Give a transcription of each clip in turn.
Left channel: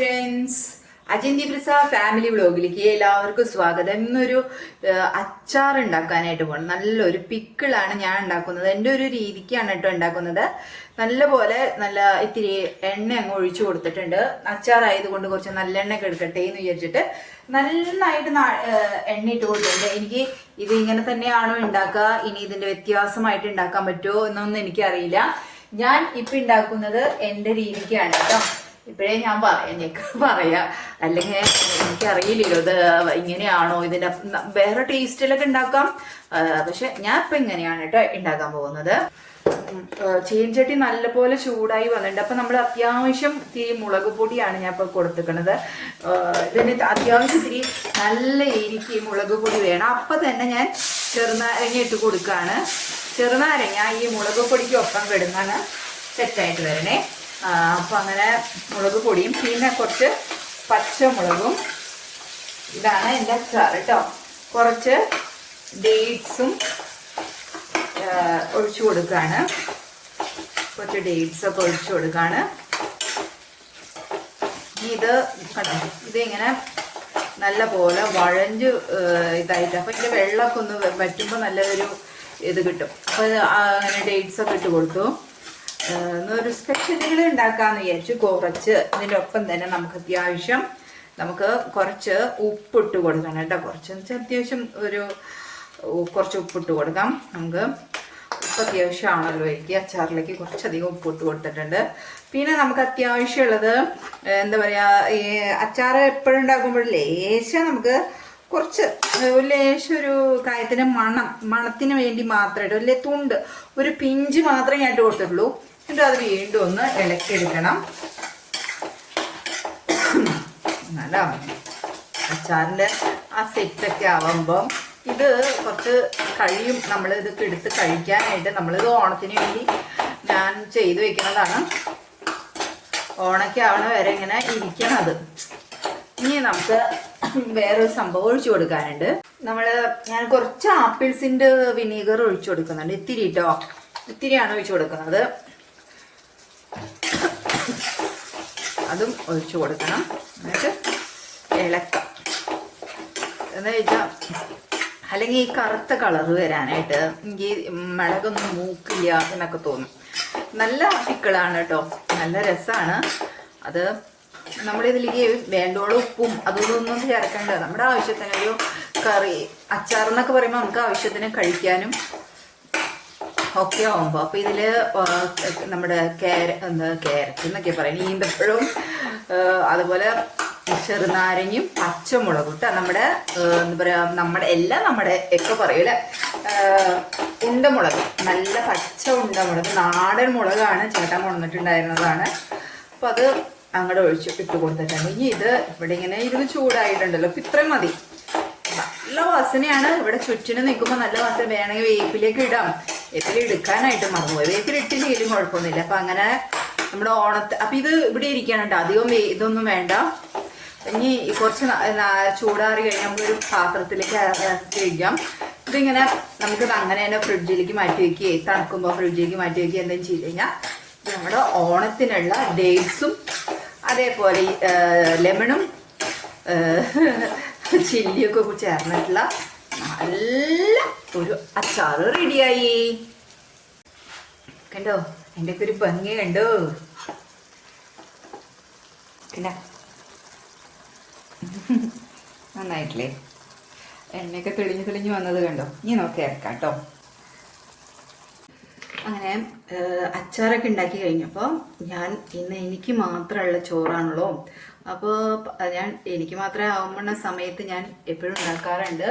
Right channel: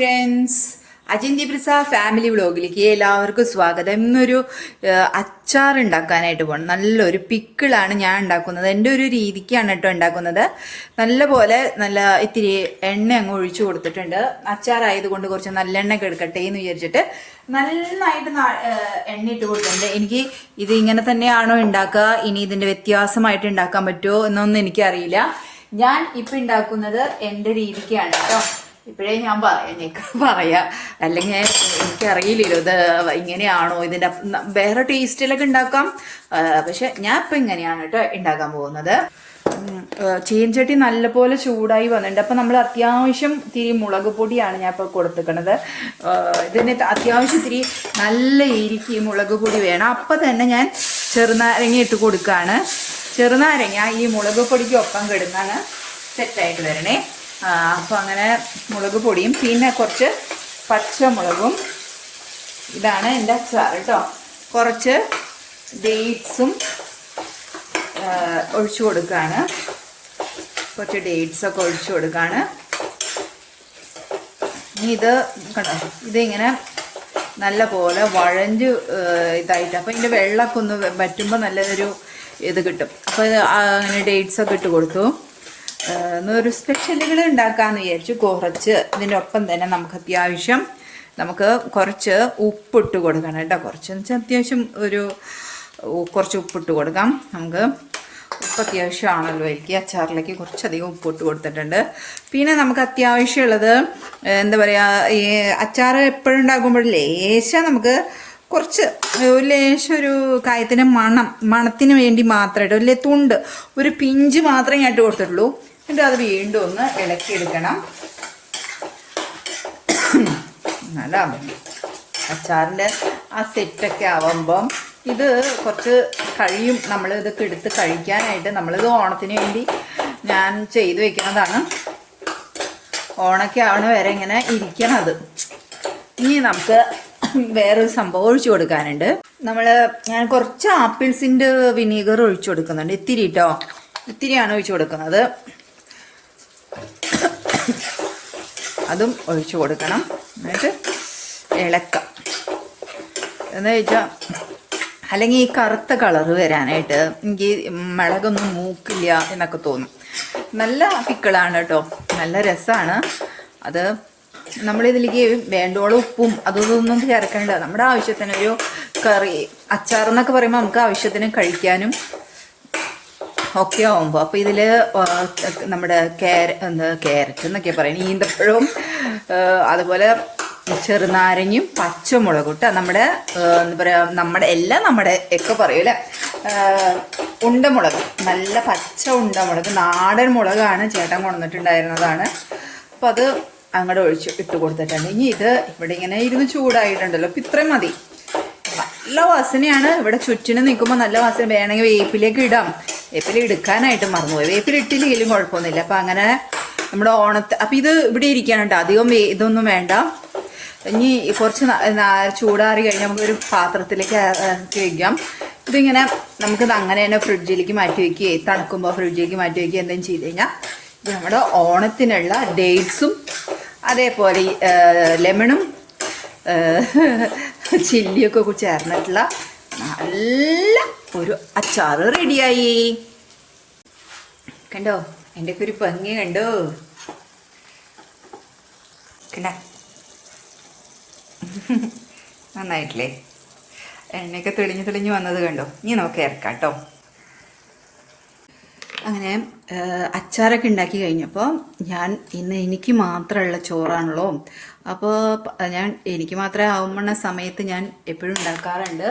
Friends, അജിന്തി പ്രസ family വ്ളോഗിലേക്ക് എല്ലാവർക്കും സ്വാഗതം. ഇന്നൊരു അച്ചാർ ഉണ്ടാക്കാനായിട്ട് പോകണം. നല്ലൊരു പിക്കിളാണ് ഞാൻ ഉണ്ടാക്കുന്നത്. എൻ്റെ ഒരു രീതിക്കാണ് കേട്ടോ ഉണ്ടാക്കുന്നത്. നല്ല ഇത്തിരി എണ്ണ അങ്ങ് ഒഴിച്ചു കൊടുത്തിട്ടുണ്ട്. അച്ചാറായതുകൊണ്ട് കുറച്ച് നല്ല എണ്ണ എടുക്കട്ടെ എന്ന് വിചാരിച്ചിട്ട് നന്നായിട്ട് എണ്ണ ഇട്ട് കൊടുത്തിട്ടുണ്ട്. എനിക്ക് ഇത് ഇങ്ങനെ തന്നെയാണോ ഉണ്ടാക്കുക, ഇനി ഇതിൻ്റെ വ്യത്യാസമായിട്ട് ഉണ്ടാക്കാൻ പറ്റുമോ എന്നൊന്നും എനിക്കറിയില്ല. ഞാൻ ഇപ്പം ഉണ്ടാക്കുന്നത് എൻ്റെ രീതിക്കാണ് കേട്ടോ. ഇപ്പോഴേ ഞാൻ പറയാ, അല്ലെങ്കിൽ എനിക്കറിയില്ലല്ലോ ഇത് ഇങ്ങനെയാണോ, ഇതിൻ്റെ വേറെ ടേസ്റ്റിലൊക്കെ ഉണ്ടാക്കാം. പക്ഷെ ഞാൻ ഇപ്പം ഇങ്ങനെയാണ് കേട്ടോ ഉണ്ടാക്കാൻ പോകുന്നത്. ചീൻചട്ടി നല്ലപോലെ ചൂടായി വന്നിട്ടുണ്ട്. അപ്പം നമ്മൾ അത്യാവശ്യം ഇത്തിരി മുളക് പൊടിയാണ് ഞാൻ ഇപ്പോൾ കൊടുത്തിരിക്കുന്നത്. ഇതിന് അത്യാവശ്യം ഇത്തിരി നല്ല എരിക്ക് മുളക് പൊടി വേണം. അപ്പം തന്നെ ഞാൻ ചെറുനാരങ്ങ ഇട്ട് കൊടുക്കുകയാണ്. ചെറുനാരങ്ങ ഈ മുളക് പൊടിക്കൊപ്പം കിടന്നാണ് സെറ്റായിട്ട് വരണേ. അപ്പോൾ അങ്ങനെ മുളക് പൊടിയും പിന്നെ കുറച്ച് പച്ചമുളകും, ഇതാണ് എൻ്റെ അച്ചാർ കേട്ടോ. കുറച്ച് ഡേറ്റ്സും ഒഴിച്ചു കൊടുക്കുകയാണ്. കുറച്ച് ഡേറ്റ്സൊക്കെ ഒഴിച്ചു കൊടുക്കുകയാണ്. ഇനി ഇത് കണ്ടോ, ഇതിങ്ങനെ നല്ല പോലെ വഴഞ്ഞ് ഇതായിട്ട്, അപ്പോൾ ഇതിൻ്റെ വെള്ളമൊക്കെ ഒന്ന് വറ്റുമ്പോൾ നല്ലൊരു ഇത് കിട്ടും. അപ്പോൾ അങ്ങനെ ഡേറ്റ്സൊക്കെ ഇട്ട് കൊടുത്തു. ഒരു സ്പെഷ്യലുകൾ ഉണ്ടാക്കാമെന്ന് വിചാരിച്ചു. കുറച്ച് ഇതിൻ്റെ ഒപ്പം തന്നെ നമുക്ക് കുറച്ച് ഉപ്പിട്ട് കൊടുക്കണം കേട്ടോ. കുറച്ച് അത്യാവശ്യം കുറച്ച് ഉപ്പിട്ട് കൊടുക്കാം. നമുക്ക് ഉപ്പ് അത്യാവശ്യമാണല്ലോ എനിക്ക്. അച്ചാറിലേക്ക് കുറച്ചധികം ഉപ്പിട്ട് കൊടുത്തിട്ടുണ്ട്. പിന്നെ നമുക്ക് അത്യാവശ്യമുള്ളത് എന്താ പറയുക, ഈ അച്ചാർ എപ്പോഴും ഉണ്ടാക്കുമ്പോൾ ലേശം നമുക്ക് കുറച്ച് ഒരു കായത്തിൻ്റെ മണത്തിന് വേണ്ടി മാത്രമായിട്ട് തുണ്ട് ഒരു പിഞ്ച് മാത്രമേ ഞാൻ ഇട്ട് കൊടുത്തിട്ടുള്ളൂ. എന്നിട്ട് അത് വീണ്ടും ഒന്ന് ഇളക്കിയെടുക്കണം. നല്ല അച്ചാറിൻ്റെ ആ സെറ്റൊക്കെ ആവുമ്പം ഇത് കുറച്ച് കഴിയും നമ്മൾ ഇതൊക്കെ എടുത്ത് കഴിക്കാനായിട്ട്. നമ്മളിത് ഓണത്തിന് വേണ്ടി ഞാൻ ചെയ്ത് വെക്കുന്നതാണ്. ഓണൊക്കെ ആവണ വരെ ഇങ്ങനെ ഇരിക്കണത്. ഇനി നമുക്ക് വേറൊരു സംഭവം ഒഴിച്ചു കൊടുക്കാനുണ്ട്. ഞാൻ കുറച്ച് ആപ്പിൾസിൻ്റെ വിനീഗർ ഒഴിച്ചു കൊടുക്കുന്നുണ്ട്. ഇത്തിരി കേട്ടോ, ഇത്തിരിയാണ് ഒഴിച്ചു കൊടുക്കുന്നത്. അതും ഒഴിച്ചു കൊടുക്കണം. എന്നിട്ട് ഇളക്കാം. എന്ന് വെച്ചാൽ അല്ലെങ്കിൽ ഈ കറുത്ത കളറ് വരാനായിട്ട് എനിക്ക് മുളകൊന്നും മൂക്കില്ല എന്നൊക്കെ തോന്നും. നല്ല പിക്കിളാണ് കേട്ടോ, നല്ല രസമാണ്. അത് നമ്മളിതിലേക്ക് വേണ്ടോളം ഉപ്പും അതൊന്നും ചേർക്കേണ്ട. നമ്മുടെ ആവശ്യത്തിന് ഒരു കറി അച്ചാർ എന്നൊക്കെ പറയുമ്പോൾ നമുക്ക് ആവശ്യത്തിന് കഴിക്കാനും ഒക്കെ ആവുമ്പോൾ. അപ്പോൾ ഇതിൽ നമ്മുടെ ക്യാരറ്റ് എന്നൊക്കെ പറയും, ഈന്തപ്പഴവും അതുപോലെ ചെറുനാരങ്ങയും പച്ചമുളകും കേട്ടോ. നമ്മുടെ എന്താ പറയുക, നമ്മുടെ ഒക്കെ പറയൂല്ലേ, ഉണ്ടമുളക്, നല്ല പച്ച ഉണ്ടമുളക്, നാടൻ മുളകാണ്. ചേട്ടൻ കൊണ്ടുവന്നിട്ടുണ്ടായിരുന്നതാണ്. അപ്പോൾ അത് അങ്ങോട്ട് ഇട്ട് കൊടുത്തിട്ടുണ്ട്. ഇനി ഇത് ഇവിടെ ഇങ്ങനെ ഇരുന്ന് ചൂടായിട്ടുണ്ടല്ലോ, അപ്പം ഇത്രയും മതി. നല്ല വാസനയാണ്. ഇവിടെ ചുറ്റിനും നിൽക്കുമ്പോൾ നല്ല വാസന. വേണമെങ്കിൽ വേപ്പിലേക്ക് ഇടാം. വേപ്പില എടുക്കാനായിട്ട് മറന്നുപോയി. വേപ്പില ഇട്ടില്ലെങ്കിലും കുഴപ്പമൊന്നുമില്ല. അപ്പം അങ്ങനെ നമ്മുടെ അപ്പം ഇത് ഇവിടെ ഇരിക്കാനുണ്ട്. അധികം ഇതൊന്നും വേണ്ട. ഇനി കുറച്ച് ചൂടാറി കഴിയുമ്പോൾ ഒരു പാത്രത്തിലേക്ക് വയ്ക്കാം. ഇതിങ്ങനെ നമുക്കിത് അങ്ങനെ തന്നെ ഫ്രിഡ്ജിലേക്ക് മാറ്റി വയ്ക്കുകയും തണുക്കുമ്പോൾ ഫ്രിഡ്ജിലേക്ക് മാറ്റി വയ്ക്കുകയും എന്തെങ്കിലും ചെയ്ത് കഴിഞ്ഞാൽ ഇത് നമ്മുടെ ഓണത്തിനുള്ള ഡേറ്റ്സും അതേപോലെ ലെമണും ചില്ലിയൊക്കെ ചേർന്നിട്ടുള്ള നല്ല ഒരു അച്ചാർ റെഡിയായി. കണ്ടോ, എൻ്റെയൊക്കെ ഒരു ഭംഗി കണ്ടോ, കണ്ടോ, നന്നായിട്ടില്ലേ? എണ്ണയൊക്കെ തെളിഞ്ഞ് വന്നത് കണ്ടോ. ഇനി നമുക്ക് ഇറക്കാം കേട്ടോ. അങ്ങനെ അച്ചാറൊക്കെ ഉണ്ടാക്കി കഴിഞ്ഞപ്പോൾ ഇന്ന് എനിക്ക് മാത്രമുള്ള ചോറാണല്ലോ. അപ്പോൾ എനിക്ക് മാത്രമേ ആവുന്ന സമയത്ത് ഞാൻ എപ്പോഴും ഉണ്ടാക്കാറുണ്ട്,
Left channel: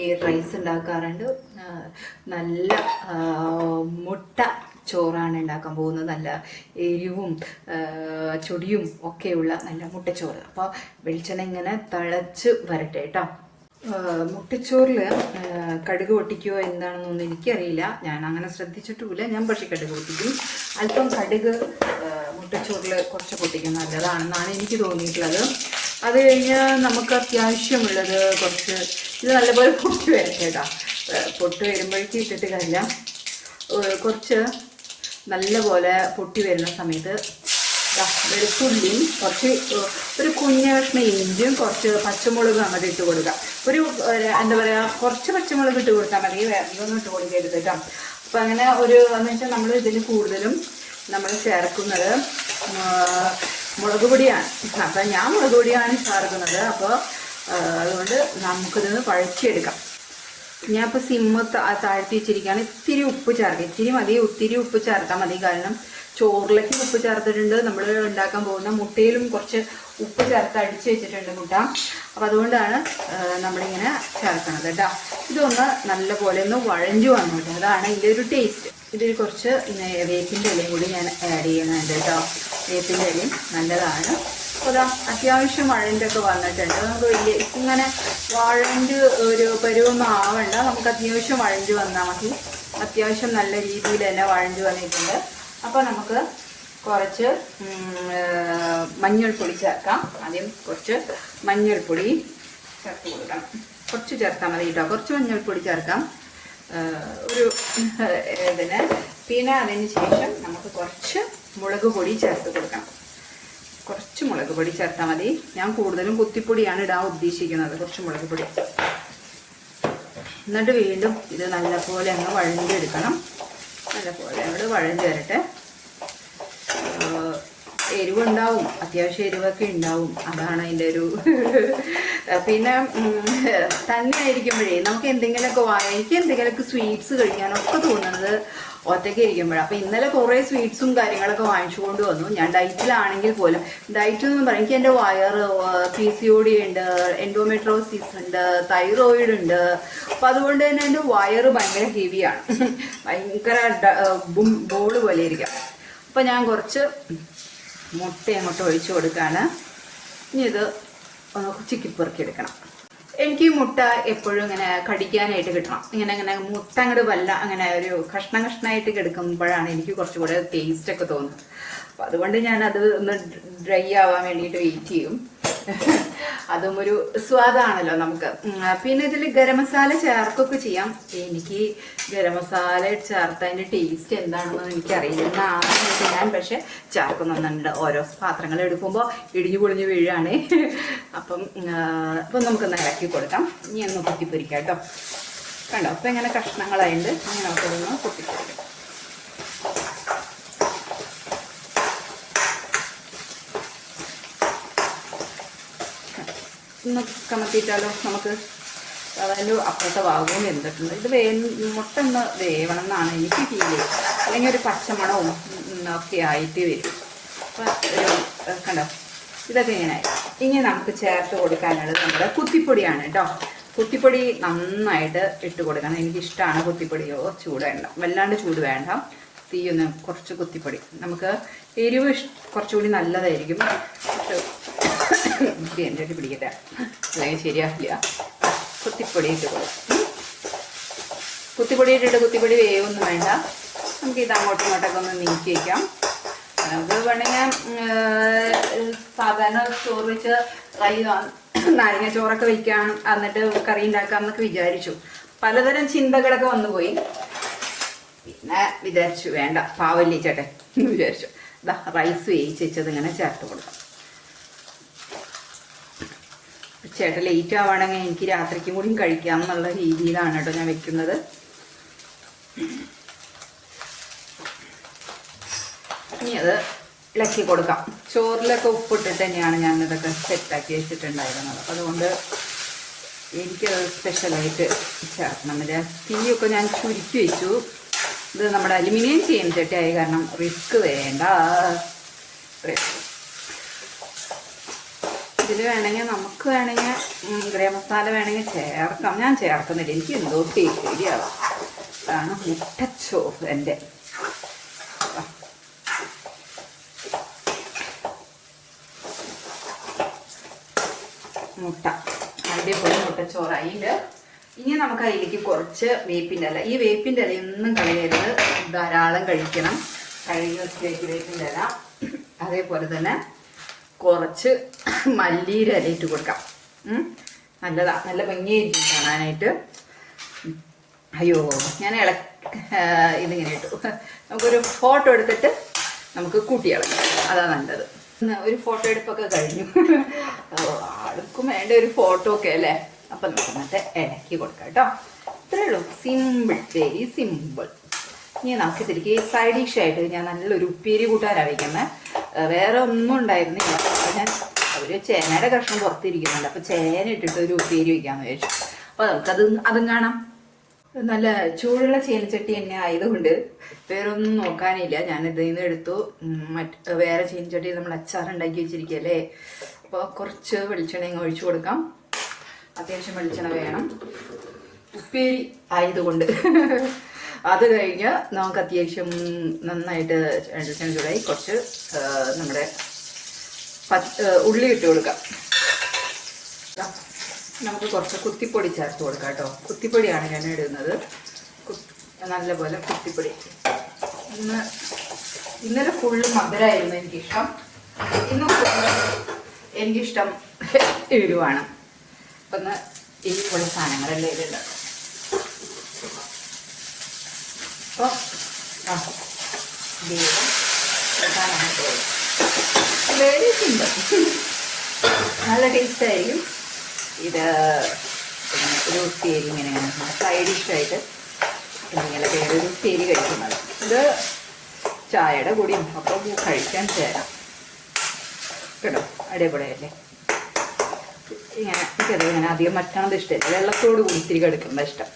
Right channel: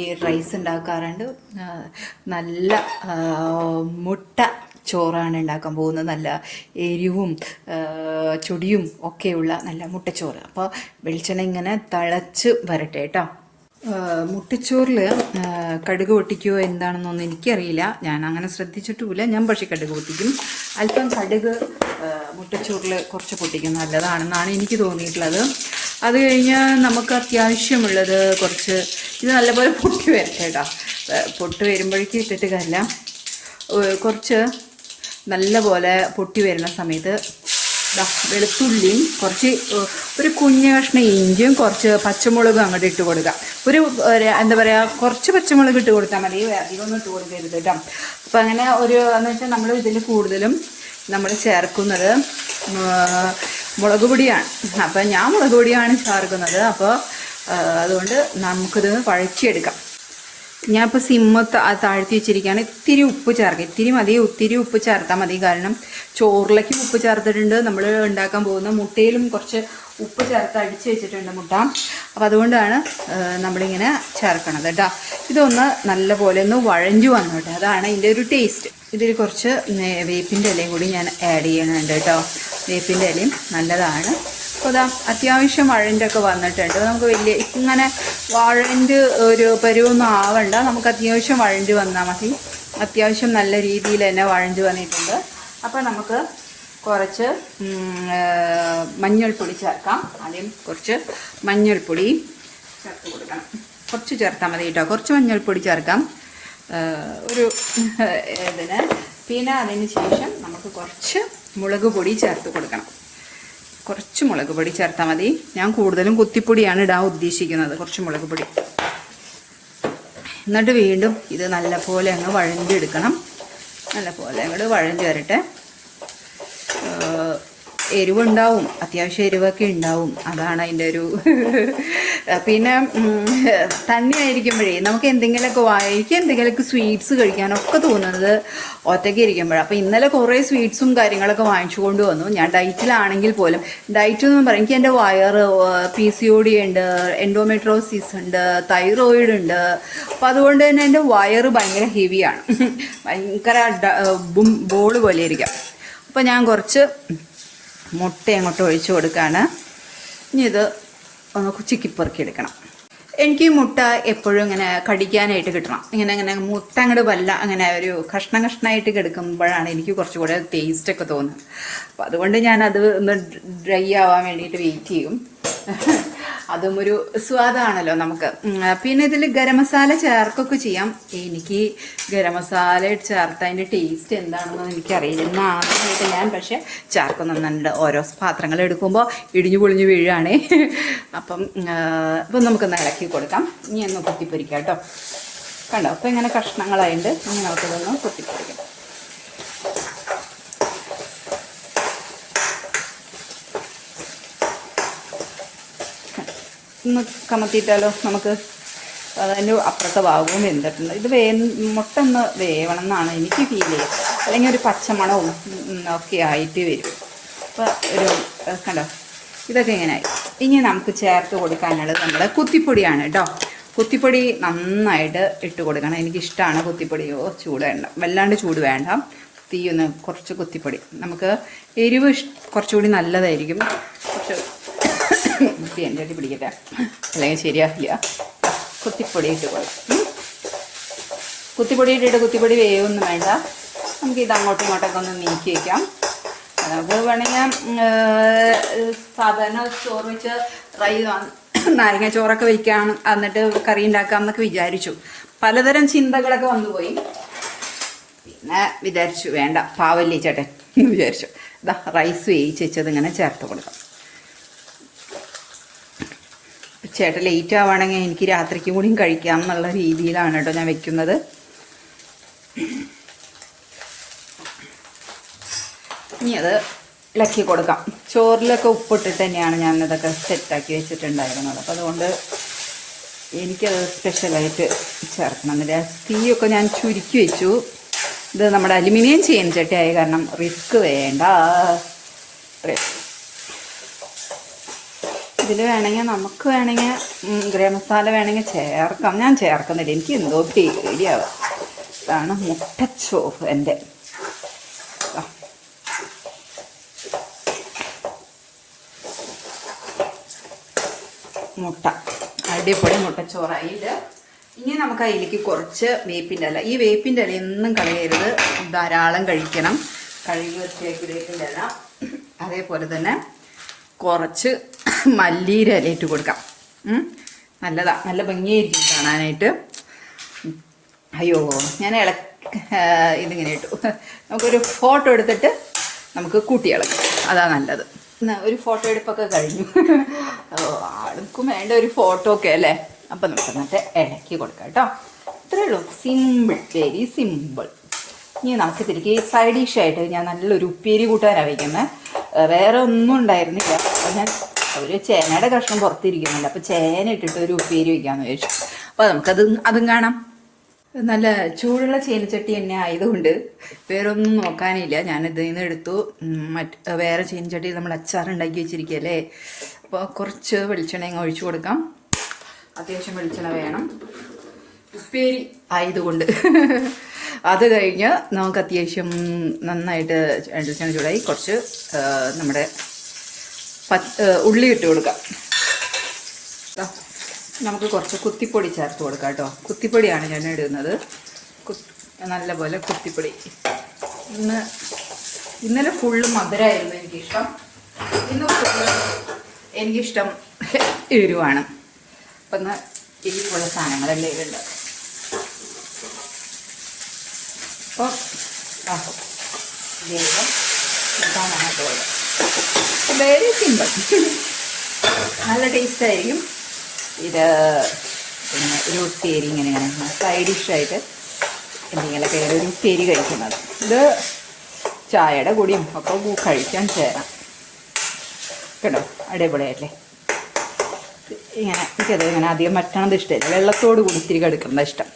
ഈ റൈസ് ഉണ്ടാക്കാറുണ്ട്. നല്ല മുട്ട ചോറാണ് ഉണ്ടാക്കാൻ പോകുന്നത്. നല്ല എരിവും ചൊടിയും ഒക്കെയുള്ള നല്ല മുട്ടച്ചോറ്. അപ്പോൾ വെളിച്ചെണ്ണ ഇങ്ങനെ തിളച്ച് വരട്ടെ കേട്ടോ. മുട്ടച്ചോറിൽ കടുക് പൊട്ടിക്കുമോ എന്താണെന്നൊന്നും എനിക്കറിയില്ല. ഞാൻ അങ്ങനെ ശ്രദ്ധിച്ചിട്ടുമില്ല. ഞാൻ പക്ഷേ കടുക് പൊട്ടിക്കും. അല്പം കടുക് മുട്ടച്ചോറിൽ കുറച്ച് പൊട്ടിക്കും നല്ലതാണെന്നാണ് എനിക്ക് തോന്നിയിട്ടുള്ളത്. അത് കഴിഞ്ഞ് നമുക്ക് അത്യാവശ്യമുള്ളത് കുറച്ച് ഇത് നല്ലപോലെ പൊട്ടി വരട്ടെ കേട്ടോ. പൊട്ടി വരുമ്പോഴേക്കും ഇട്ടിട്ട് കാര്യമില്ല. കുറച്ച് നല്ല പോലെ പൊട്ടി വരുന്ന സമയത്ത് വെളുത്തുള്ളിയും കുറച്ച് ഒരു കുഞ്ഞ കഷ്ണം ഇഞ്ചിയും കുറച്ച് പച്ചമുളകും അങ്ങോട്ട് ഇട്ട് കൊടുക്കുക. എന്താ പറയുക, കുറച്ച് പച്ചമുളക് ഇട്ട് കൊടുത്താൽ മതി, അധികമൊന്നും ഇട്ട് കൊടുക്കരുത് കേട്ടോ. അപ്പം അങ്ങനെ എന്ന് വെച്ചാൽ നമ്മൾ ഇതിൽ കൂടുതലും നമ്മൾ ചേർക്കുന്നത് മുളക് പൊടിയാണ്. അപ്പം ഞാൻ മുളക് പൊടിയാണ് ചേർക്കുന്നത്. അപ്പോൾ അതുകൊണ്ട് നമുക്കിത് കുഴച്ചെടുക്കാം. ഞാനിപ്പോൾ താഴ്ത്തി വെച്ചിരിക്കുകയാണ്. ഇത്തിരി ഉപ്പ് ചേർക്കുക, ഇത്തിരി മതി, ഒത്തിരി ഉപ്പ് ചേർത്താൽ മതി. കാരണം ചോറിലേക്ക് ഉപ്പ് ചേർത്തിട്ടുണ്ട്, നമ്മൾ ഉണ്ടാക്കാൻ പോകുന്ന മുട്ടയിലും കുറച്ച് ഉപ്പ് ചേർത്ത് അടിച്ച് വെച്ചിട്ടുണ്ട് മുട്ട. അപ്പോൾ അതുകൊണ്ടാണ് നമ്മളിങ്ങനെ ചേർക്കണത് കേട്ടോ. ഇതൊന്ന് നല്ലപോലെ ഒന്ന് വഴഞ്ഞു വന്നു കേട്ടോ, അതാണ് ഇതിൻ്റെ ഒരു ടേസ്റ്റ്. ഇതിൽ കുറച്ച് വേപ്പിൻ്റെ ഇലയും കൂടി ഞാൻ ആഡ് ചെയ്യുന്നുണ്ട് കേട്ടോ. വേപ്പിൻ്റെ ഇലയും നല്ലതാണ്. അപ്പോൾ അതാ അത്യാവശ്യം വഴൻ്റൊക്കെ വന്നിട്ടുണ്ട്. നമുക്ക് വലിയ ഇങ്ങനെ വഴൻ്റ് ഒരു പരുവൊന്നും ആവണ്ട, നമുക്ക് അത്യാവശ്യം വഴഞ്ഞ് വന്നാൽ മതി. അത്യാവശ്യം നല്ല രീതിയിൽ തന്നെ വഴഞ്ഞ് വന്നിട്ടുണ്ട്. അപ്പോൾ നമുക്ക് കുറച്ച് മഞ്ഞൾപ്പൊടി ചേർക്കാം. ആദ്യം കുറച്ച് മഞ്ഞൾപ്പൊടി ചേർത്ത് കൊടുക്കണം. കുറച്ച് ചേർത്താൽ മതി കേട്ടോ, കുറച്ച് മഞ്ഞൾപ്പൊടി ചേർക്കാം ഒരു ഇതിന്. പിന്നെ അതിന് ശേഷം നമുക്ക് കുറച്ച് മുളക് പൊടി ചേർത്ത് കൊടുക്കണം. കുറച്ച് മുളക് പൊടി ചേർത്താൽ മതി. ഞാൻ കൂടുതലും കുത്തിപ്പൊടിയാണ് ഇടാൻ ഉദ്ദേശിക്കുന്നത്, കുറച്ച് മുളക് പൊടി. എന്നിട്ട് വീണ്ടും ഇത് നല്ലപോലെ അങ്ങ് വഴഞ്ഞെടുക്കണം. നല്ലപോലെ അങ്ങോട്ട് വഴഞ്ഞ് വരട്ടെ. എരിവുണ്ടാവും, അത്യാവശ്യം എരിവൊക്കെ ഉണ്ടാവും, അതാണ് അതിൻ്റെ ഒരു പിന്നെ തന്നെ ആയിരിക്കുമ്പോഴേ നമുക്ക് എന്തെങ്കിലുമൊക്കെ എനിക്ക് എന്തെങ്കിലുമൊക്കെ സ്വീറ്റ്സ് കഴിക്കാനൊക്കെ തോന്നുന്നത് ഒറ്റയ്ക്ക് ഇരിക്കുമ്പോഴാണ്. അപ്പോൾ ഇന്നലെ കുറേ സ്വീറ്റ്സും കാര്യങ്ങളൊക്കെ വാങ്ങിച്ചു കൊണ്ട് വന്നു. ഞാൻ ഡയറ്റിലാണെങ്കിൽ പോലും, ഡയറ്റ് എന്ന് പറയും, എനിക്ക് എൻ്റെ വയറ് PCOD ഉണ്ട്, എൻഡോമെട്രോസിസ് ഉണ്ട്, തൈറോയിഡ് ഉണ്ട്. അപ്പോൾ അതുകൊണ്ട് തന്നെ എൻ്റെ വയറ് ഭയങ്കര ഹെവിയാണ്, ഭയങ്കര ബോൾ പോലെ ഇരിക്കാം. അപ്പോൾ ഞാൻ കുറച്ച് മുട്ട അങ്ങോട്ട് ഒഴിച്ചു കൊടുക്കുകയാണ്. ഇനി ഇത് ഒന്ന് ചിക്കിപ്പെറുക്കി എടുക്കണം. എനിക്ക് മുട്ട എപ്പോഴും ഇങ്ങനെ കടിക്കാനായിട്ട് കിട്ടണം. ഇങ്ങനെ മുട്ട അങ്ങോട്ട് അങ്ങനെ ഒരു കഷ്ണമായിട്ട് കിടക്കുമ്പോഴാണ് എനിക്ക് കുറച്ചുകൂടെ ടേസ്റ്റൊക്കെ തോന്നുന്നത്. അപ്പോൾ അതുകൊണ്ട് ഞാനത് ഒന്ന് ഡ്രൈ ആവാൻ വേണ്ടിയിട്ട് വെയിറ്റ് ചെയ്യും. അതും ഒരു സ്വാദാണല്ലോ നമുക്ക്. പിന്നെ ഇതിൽ ഗരം മസാല ചേർക്കൊക്കെ ചെയ്യാം. എനിക്ക് ഗരം മസാല ചേർത്ത് അതിൻ്റെ ടേസ്റ്റ് എന്താണെന്ന് എനിക്കറിയില്ല. ആദ്യമായിട്ട് ഞാൻ പക്ഷെ ചേർക്കുന്നുണ്ട്. ഓരോ പാത്രങ്ങൾ എടുക്കുമ്പോൾ ഇടിഞ്ഞു പൊളിഞ്ഞു വീഴാണേ. അപ്പം നമുക്കൊന്ന് ഇളക്കി കൊടുക്കാം. ഇനി ഒന്ന് കുത്തിപ്പൊരിക്കാം കേട്ടോ. കണ്ടോ, അപ്പം ഇങ്ങനെ കഷ്ണങ്ങളായിട്ട് ഇനി നമുക്കതൊന്ന് കുത്തിപ്പൊരിക്കാം. ഒന്ന് കമത്തിയിട്ടാലോ നമുക്ക്. അതിൻ്റെ അപ്പുറത്തെ ഭാഗവും വെന്തിട്ടുണ്ട്. ഇത് മുട്ട ഒന്ന് വേവണം എന്നാണ് എനിക്ക് ഫീൽ ചെയ്യുക, അല്ലെങ്കിൽ ഒരു പച്ചമണവും ഒക്കെ ആയിട്ട് വരും. അപ്പോൾ കണ്ടോ, ഇതൊക്കെ ഇങ്ങനെയായി. ഇനി നമുക്ക് ചേർത്ത് കൊടുക്കാനുള്ളത് നമ്മുടെ കുത്തിപ്പൊടിയാണ് കേട്ടോ. കുത്തിപ്പൊടി നന്നായിട്ട് ഇട്ട് കൊടുക്കണം. എനിക്കിഷ്ടമാണ് കുത്തിപ്പൊടിയോ. ചൂട് വേണ്ട, വല്ലാണ്ട് ചൂട് വേണ്ട. തീയൊന്ന് കുറച്ച് കുത്തിപ്പൊടി, നമുക്ക് എരിവ് കുറച്ചുകൂടി നല്ലതായിരിക്കും. എൻ്റെ അടി പിടിക്കട്ടെ, അല്ലെങ്കിൽ ശരിയാക്കില്ല. കുത്തിപ്പൊടി ഇട്ട് കൊടുക്കും. കുത്തിപ്പൊടി ഇട്ടിട്ട് കുത്തിപ്പൊടി വേവൊന്നും വേണ്ട. നമുക്ക് ഇത് അങ്ങോട്ടും ഇങ്ങോട്ടൊക്കെ ഒന്ന് നീക്കി വയ്ക്കാം. നമുക്ക് വേണമെങ്കിൽ സാധാരണ ചോറ് വെച്ച് നാരങ്ങ ചോറൊക്കെ വയ്ക്കാം, എന്നിട്ട് കറി ഉണ്ടാക്കാം എന്നൊക്കെ വിചാരിച്ചു. പലതരം ചിന്തകളൊക്കെ വന്നുപോയി. പിന്നെ വിചാരിച്ചു വേണ്ട, പാവല്ലേ ചേട്ടൻ എന്ന് വിചാരിച്ചു. ഇതാ റൈസ് വേവിച്ച് വെച്ചത് ഇങ്ങനെ ചേർത്ത് കൊടുക്കാം. ചേട്ടൻ ലേറ്റ് ആവുകയാണെങ്കിൽ എനിക്ക് രാത്രിക്കും കൂടിയും കഴിക്കാം എന്നുള്ള രീതിയിലാണ് കേട്ടോ ഞാൻ വെക്കുന്നത്. ഇനി അത് ഇളക്കി കൊടുക്കാം. ചോറിലൊക്കെ ഉപ്പിട്ടിട്ട് തന്നെയാണ് ഞാൻ ഇതൊക്കെ സെറ്റാക്കി വെച്ചിട്ടുണ്ടായിരുന്നത്. അപ്പോൾ അതുകൊണ്ട് എനിക്കത് സ്പെഷ്യലായിട്ട് ചേർക്കണം. തീയൊക്കെ ഞാൻ ചുരുക്കി വെച്ചു. ഇത് നമ്മുടെ അലുമിനിയം ചീനച്ചട്ടി ആയ കാരണം റിസ്ക് വേണ്ട. ഇതിൽ വേണമെങ്കിൽ നമുക്ക് ഗരം മസാല വേണമെങ്കിൽ ചേർക്കാം. ഞാൻ ചേർക്കുന്നില്ല, എനിക്ക് എന്തോ പേടിയാവും. ഇതാണ് മുട്ടച്ചോറ് എൻ്റെ. മുട്ട അടിപൊളി മുട്ടച്ചോറായിട്ട്. ഇനി നമുക്ക് അതിലേക്ക് കുറച്ച് വേപ്പിൻ്റെ ഇല. ഈ വേപ്പിൻ്റെ ഇല ഒന്നും കളയരുത്, ധാരാളം കഴിക്കണം. കഴുകി വെച്ചേക്ക് വേപ്പിൻ്റെ ഇല. അതേപോലെ തന്നെ കുറച്ച് മല്ലിയില ഇലയിട്ട് കൊടുക്കാം. നല്ലതാ, നല്ല ഭംഗിയായിരിക്കും കാണാനായിട്ട്. അയ്യോ, ഞാൻ ഇതിങ്ങനെ ഇട്ടു. നമുക്കൊരു ഫോട്ടോ എടുത്തിട്ട് നമുക്ക് കൂട്ടിയിളക്കാം. അതാ നല്ലത്. ഒരു ഫോട്ടോ എടുപ്പൊക്കെ കഴിഞ്ഞു. ആൾക്കും വേണ്ട ഒരു ഫോട്ടോ ഒക്കെ അല്ലേ. അപ്പം നമുക്ക് എന്നിട്ട് ഇളക്കി കൊടുക്കാം കേട്ടോ. ഇത്രയേ ഉള്ളൂ, സിമ്പിൾ, വെരി സിമ്പിൾ. ഇനി നമുക്ക് തിരികെ സൈഡ് ഡിഷായിട്ട് ഞാൻ നല്ലൊരു ഉപ്പേരി കൂട്ടാനാണ് വയ്ക്കുന്നത്. വേറെ ഒന്നും ഉണ്ടായിരുന്നില്ല. അപ്പം ഞാൻ ഒരു ചേനയുടെ കഷ്ണം പുറത്തിരിക്കുന്നുണ്ട്. അപ്പോൾ ചേന ഇട്ടിട്ട് ഒരു ഉപ്പേരി വയ്ക്കാമെന്ന് വിചാരിച്ചു. അപ്പോൾ അതും കാണാം. നല്ല ചൂടുള്ള ചീനച്ചട്ടി തന്നെ ആയതുകൊണ്ട് വേറെ ഒന്നും നോക്കാനില്ല. ഞാൻ ഇതിൽ നിന്ന് എടുത്തു. വേറെ ചീനച്ചട്ടി നമ്മൾ അച്ചാർ ഉണ്ടാക്കി വെച്ചിരിക്കുകയല്ലേ. അപ്പോൾ കുറച്ച് വെളിച്ചെണ്ണ ഒഴിച്ചു കൊടുക്കാം. അത്യാവശ്യം വെളിച്ചെണ്ണ വേണം, ഉപ്പേരി ആയതുകൊണ്ട്. അത് കഴിഞ്ഞ് നമുക്ക് അത്യാവശ്യം നന്നായിട്ട് വെളിച്ചെണ്ണ ചൂടായി കുറച്ച് നമ്മുടെ ഉള്ളി ഇട്ട് കൊടുക്കാം. നമുക്ക് കുറച്ച് കുത്തിപ്പൊടി ചേർത്ത് കൊടുക്കാം കേട്ടോ. കുത്തിപ്പൊടിയാണ് ഞാൻ ഇടുന്നത്. നല്ലപോലെ കുത്തിപ്പൊടി. ഇന്നലെ ഫുള്ള് മധുരമായിരുന്നു എനിക്കിഷ്ടം. ഇന്ന് എനിക്കിഷ്ടം എരിവാണ്. അപ്പം ഒന്ന് എരിവുള്ള സാധനങ്ങളല്ലേ ഇതുണ്ട്. അപ്പോൾ വെരി സിമ്പിൾ, നല്ല ടേസ്റ്റ് ആയിരിക്കും ഇത്. ഒരു ഉപ്പേരി ഇങ്ങനെയാണ് സൈഡ് ഡിഷായിട്ട് എന്തെങ്കിലുമൊക്കെ ഒരു ഉപ്പേരി കഴിക്കുന്നത്. ഇത് ചായയുടെ കൂടിയും ഒക്കെ കഴിക്കാൻ ചേരാം കേട്ടോ. അടിപൊളിയല്ലേ. ഇങ്ങനെ എനിക്കത് ഇങ്ങനെ അധികം മറ്റണത് ഇഷ്ടമില്ല. വെള്ളത്തോട് കൂടി ഇത്തിരി കെടുക്കുന്നത് ഇഷ്ടം.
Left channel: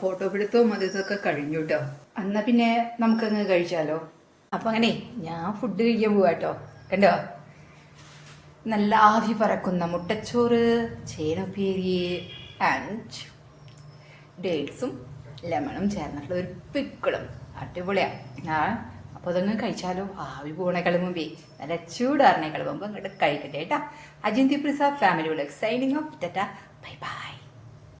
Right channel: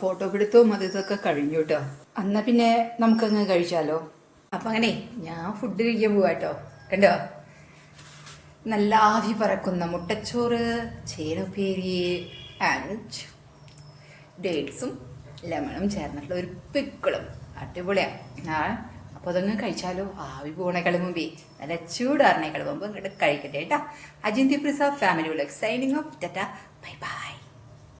ഫോട്ടോ പിടുത്തവും ഇതൊക്കെ കഴിഞ്ഞു കേട്ടോ. എന്നാൽ പിന്നെ നമുക്കങ്ങ് കഴിച്ചാലോ. അപ്പം അങ്ങനെ ഞാൻ ഫുഡ് കഴിക്കാൻ പോവാ കേട്ടോ. കണ്ടോ, നല്ല ആവി പറക്കുന്ന മുട്ടച്ചോറ്, ചേനപ്പേരി ആൻഡ് ഡേറ്റ്സും ലെമണും ചേർന്നിട്ടുള്ള ഒരു പിക്കിളും. അടിപൊളിയാണ്. അപ്പോൾ അതങ്ങ് കഴിച്ചാലോ. ആവി പോണേക്കാളും മുമ്പേ നല്ല ചൂടാറിനേക്കാളും മുമ്പ് ഇങ്ങോട്ട് കഴിക്കട്ടെ കേട്ടോ. അജിന്തി Prasad family vlog signing off. Tata, bye by.